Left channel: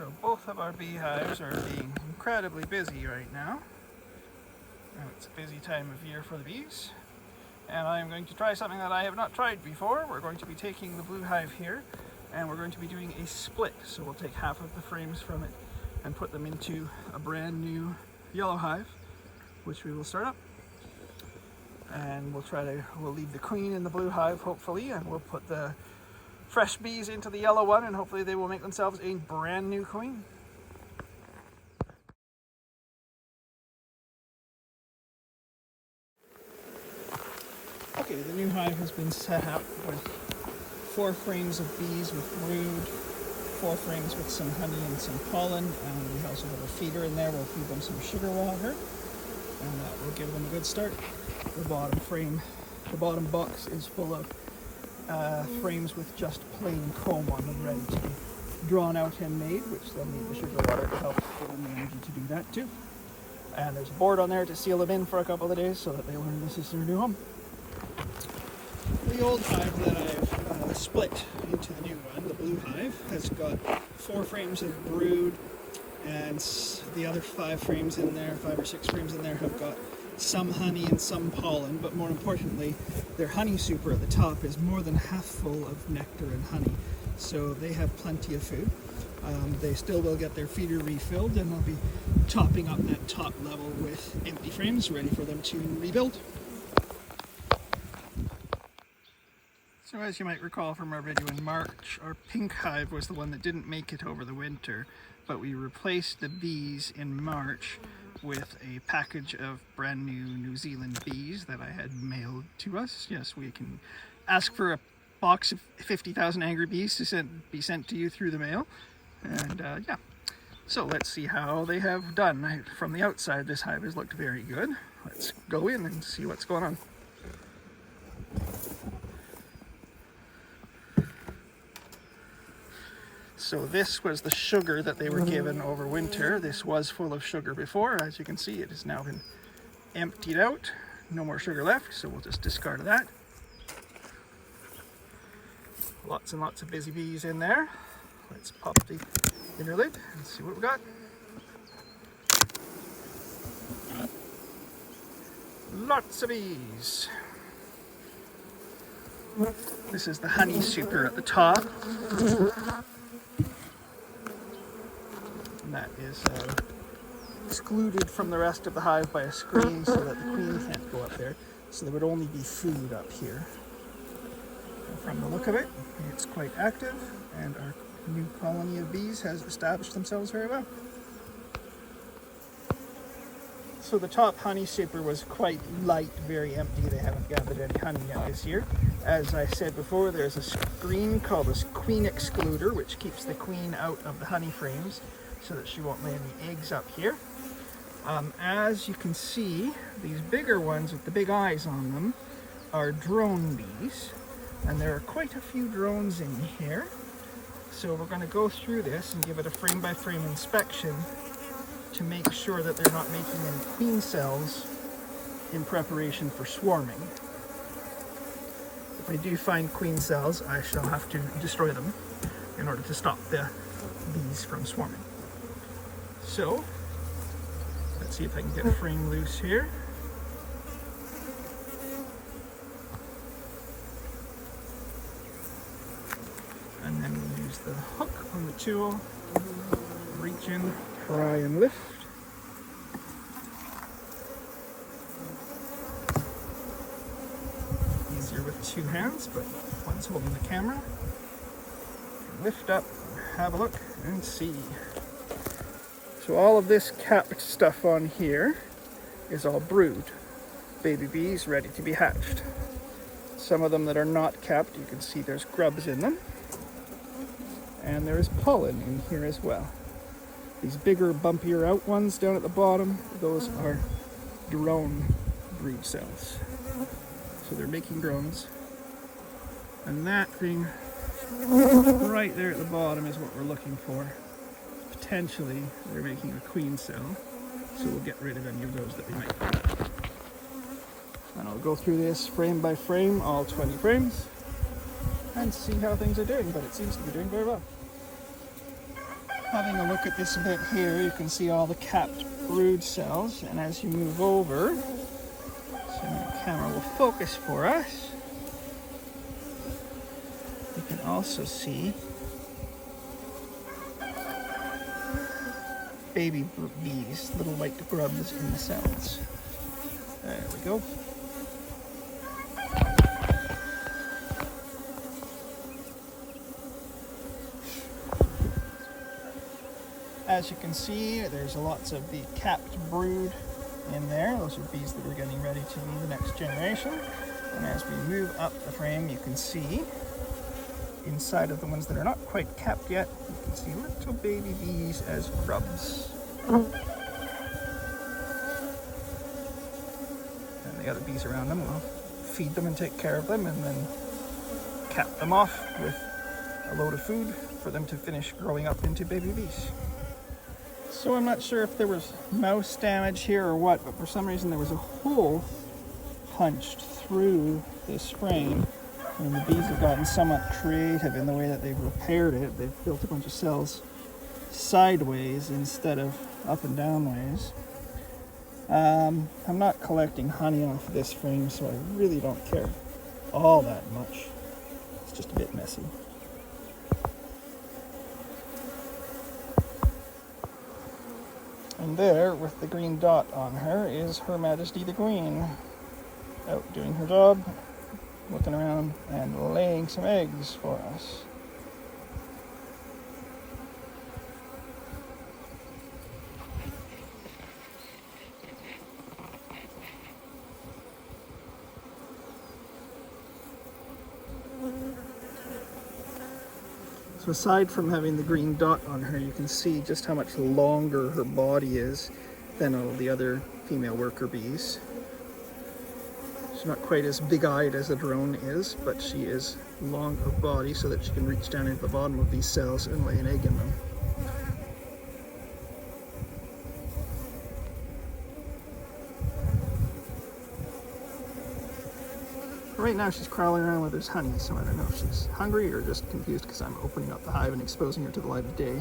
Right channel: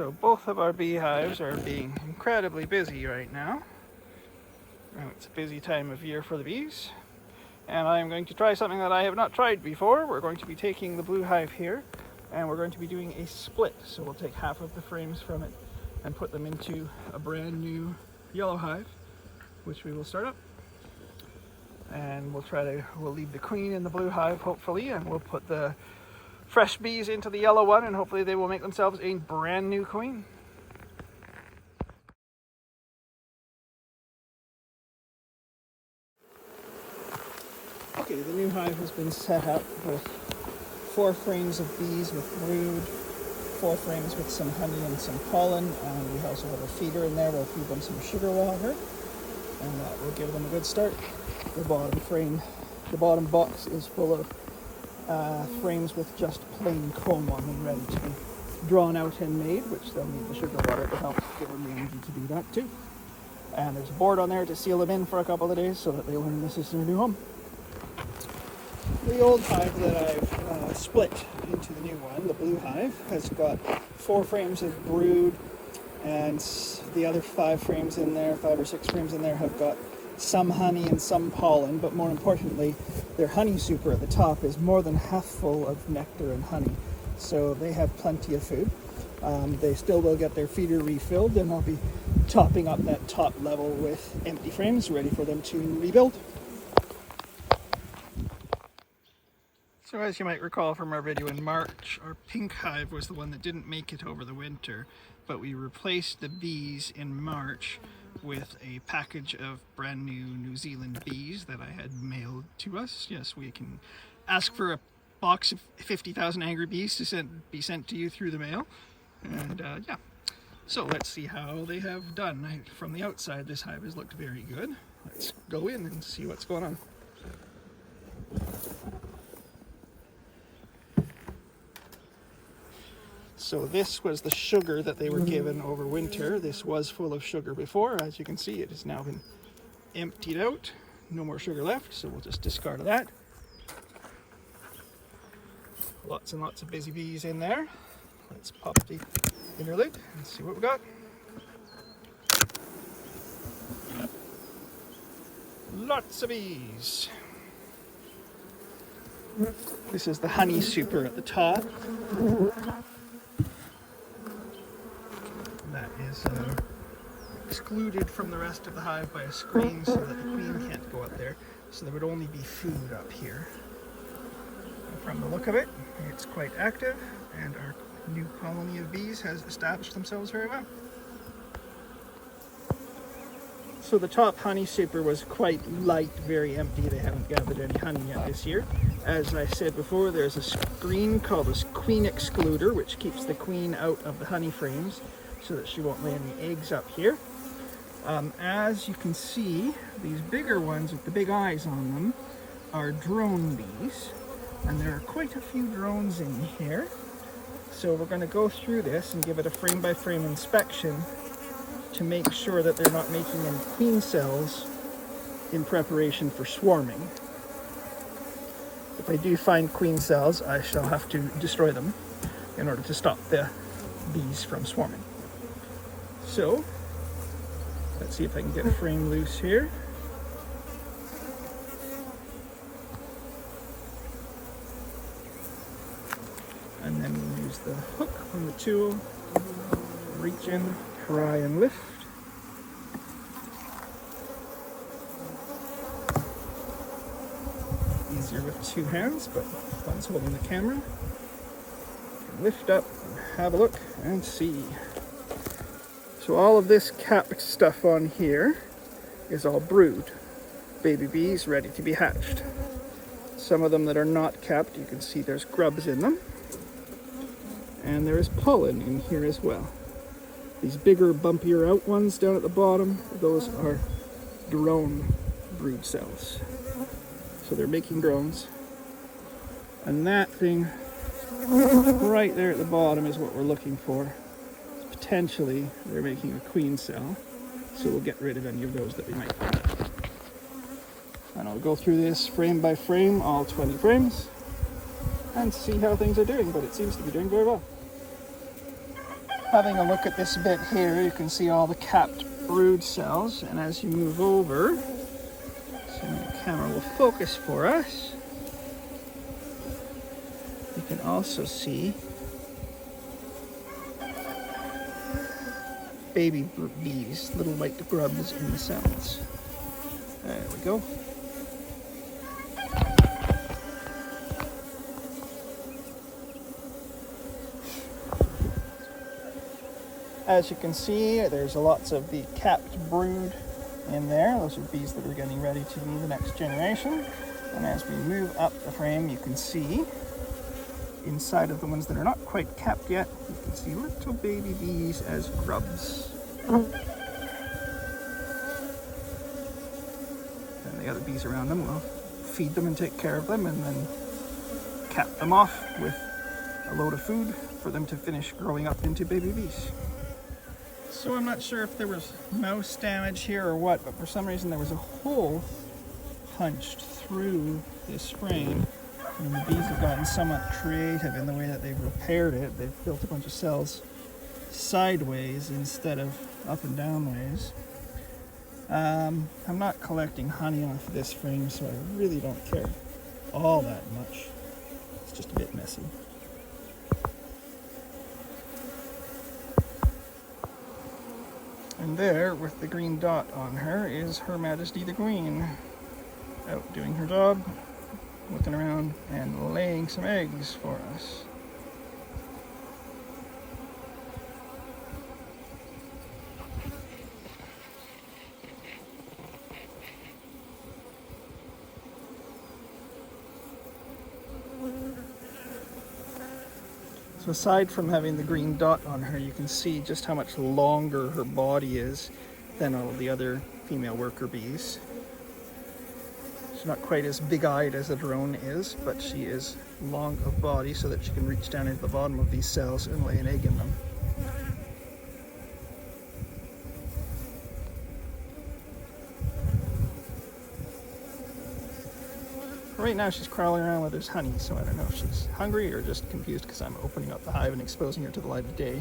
So both of our beehives are being incredibly busy right now. It's a busy time of year for the bees. And I'm going to try something that I have not tried before. We're going to be taking the blue hive here and we're going to be doing a split. So we'll take half of the frames from it and put them into a brand new yellow hive, which we will start up. And we'll leave the queen in the blue hive hopefully, and we'll put the fresh bees into the yellow one, and hopefully they will make themselves a brand new queen. Okay, the new hive has been set up with 4 frames of bees with brood, 4 frames with some honey and some pollen, and we also have a feeder in there. We'll feed them some sugar water, and that will give them a good start. The bottom box is full of frames with just plain comb on them, ready to be drawn out and made, which they'll need the sugar water to help give them the energy to do that too. And there's a board on there to seal them in for a couple of days so that they won't miss their new home. The old hive that I've split into the new one, the blue hive, has got 4 frames of brood, and the other 5 frames in there, 5 or 6 frames in there, have got some honey and some pollen, but more importantly, their honey super at the top is more than half full of nectar and honey, so they have plenty of food. They still will get their feeder refilled, and I'll be topping up that top level with empty frames ready for them to rebuild. So as you might recall from our video in March, our pink hive was the one that didn't make it over the winter, but we replaced the bees in March with a package of brand new New Zealand bees that I had mailed to us. Yes, we can ask for a box of 50,000 angry bees to be sent to you through the mail. And yeah, so let's see how they have done. From the outside, this hive has looked very good. Let's go in and see what's going on. So this was the sugar that they were given over winter. This was full of sugar before. As you can see, it has now been emptied out. No more sugar left, so we'll just discard that. Lots and lots of busy bees in there. Let's pop the inner lid and see what we got. Lots of bees. This is the honey super at the top. That is excluded from the rest of the hive by a screen so that the queen can't go up there. So there would only be food up here. And from the look of it, it's quite active, and our new colony of bees has established themselves very well. So the top honey super was quite light, very empty. They haven't gathered any honey yet this year. As I said before, there's a screen called a queen excluder, which keeps the queen out of the honey frames, so that she won't lay any eggs up here. As you can see, these bigger ones with the big eyes on them are drone bees, and there are quite a few drones in here. So we're going to go through this and give it a frame-by-frame inspection to make sure that they're not making any queen cells in preparation for swarming. If I do find queen cells, I shall have to destroy them in order to stop the bees from swarming. So, let's see if I can get a frame loose here. And then we'll use the hook on the tool, reach in, try and lift. Easier with 2 hands, but one's holding the camera. Lift up, have a look, and see. So all of this capped stuff on here is all brood. Baby bees ready to be hatched. Some of them that are not capped, you can see there's grubs in them. And there is pollen in here as well. These bigger, bumpier out ones down at the bottom, those are drone brood cells. So they're making drones. And that thing right there at the bottom is what we're looking for. Potentially, they're making a queen cell, so we'll get rid of any of those that we might find. And I'll go through this frame by frame, all 20 frames, and see how things are doing, but it seems to be doing very well. Having a look at this bit here, you can see all the capped brood cells, and as you move over, so the camera will focus for us, you can also see baby bees, little white grubs in the cells. There we go. As you can see, there's lots of the capped brood in there. Those are bees that are getting ready to be the next generation. And as we move up the frame, you can see inside of the ones that are not quite capped yet, you can see little baby bees as grubs. And the other bees around them will feed them and take care of them, and then cap them off with a load of food for them to finish growing up into baby bees. So I'm not sure if there was mouse damage here or what, but for some reason there was a hole punched through this frame, and the bees have gotten somewhat creative in the way that they've repaired it. They've built a bunch of cells sideways instead of up and down ways. I'm not collecting honey off of this frame, so I really don't care all that much. It's just a bit messy. And there, with the green dot on her, is Her Majesty the Queen, out doing her job, looking around and laying some eggs for us. So aside from having the green dot on her, you can see just how much longer her body is than all the other female worker bees. She's not quite as big-eyed as a drone is, but she is long of body so that she can reach down into the bottom of these cells and lay an egg in them. Right now she's crawling around where there's honey, so I don't know if she's hungry or just confused because I'm opening up the hive and exposing her to the light of day.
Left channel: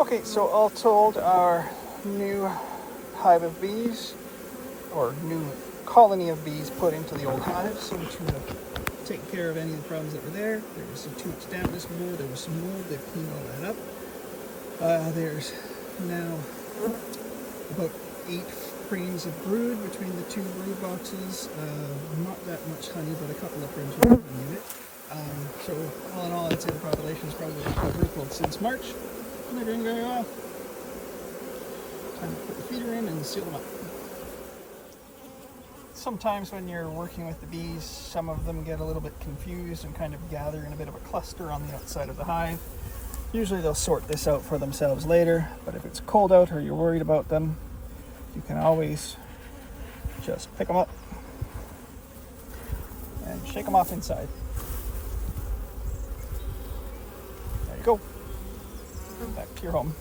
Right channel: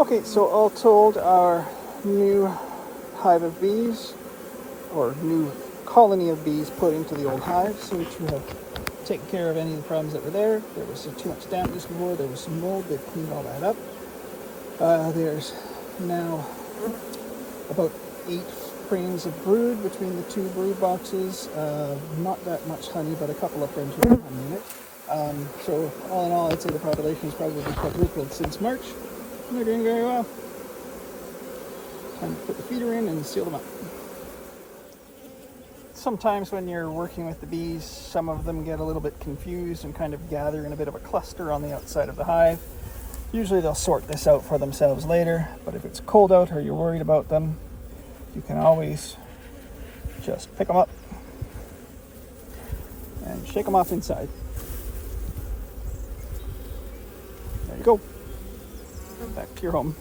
Okay, so all told, our new hive of bees, or new colony of bees put into the old hives, which will take care of any of the problems that were there. There was too much dampness before, there was some mold, they've cleaned all that up. There's now about 8 frames of brood between the 2 brood boxes. Not that much honey, but a couple of frames of honey in it. So all in all, I'd say the population has probably quadrupled since March, and they're doing very well. Time to put the feeder in and seal them up. Sometimes when you're working with the bees, some of them get a little bit confused and kind of gather in a bit of a cluster on the outside of the hive. Usually they'll sort this out for themselves later, but if it's cold out or you're worried about them, you can always just pick them up and shake them off inside. There you go. Back to your home.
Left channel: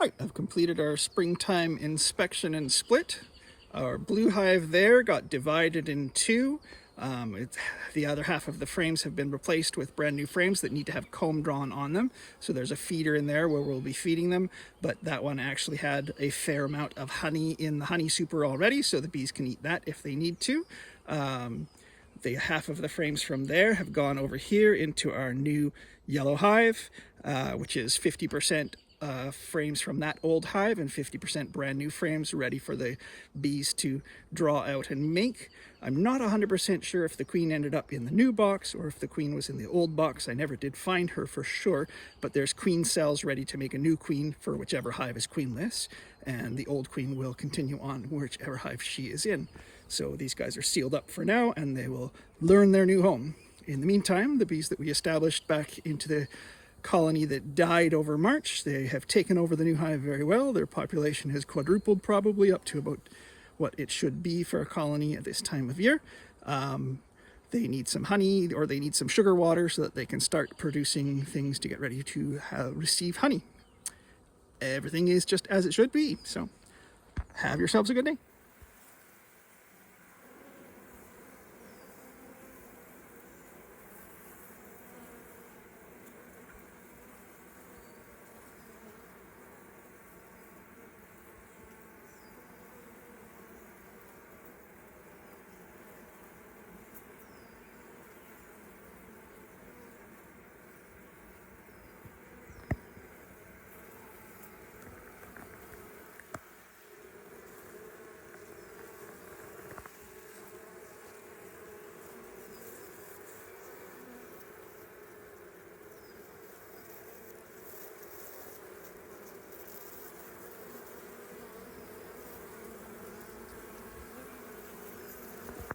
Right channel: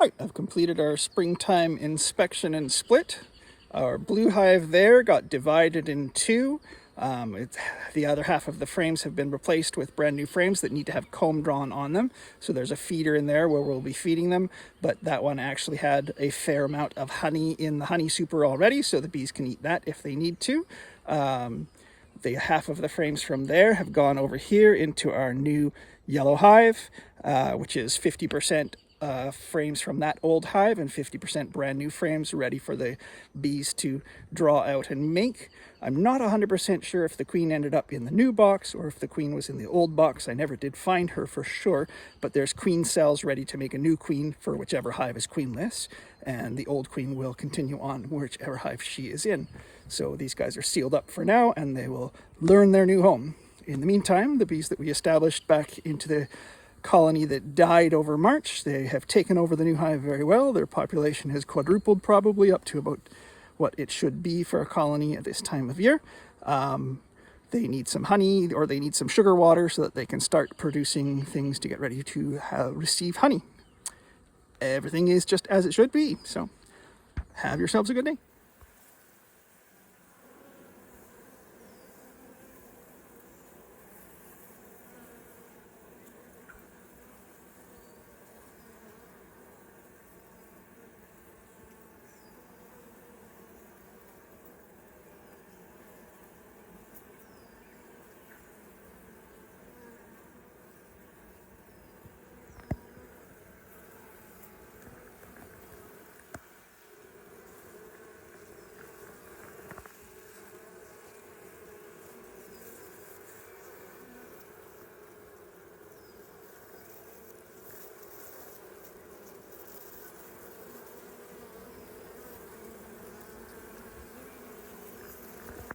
All right, I've completed our springtime inspection and split. Our blue hive there got divided in 2. The other half of the frames have been replaced with brand new frames that need to have comb drawn on them. So there's a feeder in there where we'll be feeding them, but that one actually had a fair amount of honey in the honey super already, so the bees can eat that if they need to. The half of the frames from there have gone over here into our new yellow hive, which is 50% frames from that old hive and 50% brand new frames ready for the bees to draw out and make. I'm not 100% sure if the queen ended up in the new box or if the queen was in the old box. I never did find her for sure, but there's queen cells ready to make a new queen for whichever hive is queenless, and the old queen will continue on whichever hive she is in. So these guys are sealed up for now, and they will learn their new home. In the meantime, the bees that we established back into the colony that died over March, they have taken over the new hive very well. Their population has quadrupled, probably up to about what it should be for a colony at this time of year. They need some honey, or they need some sugar water so that they can start producing things to get ready to receive honey. Everything is just as it should be. So have yourselves a good day.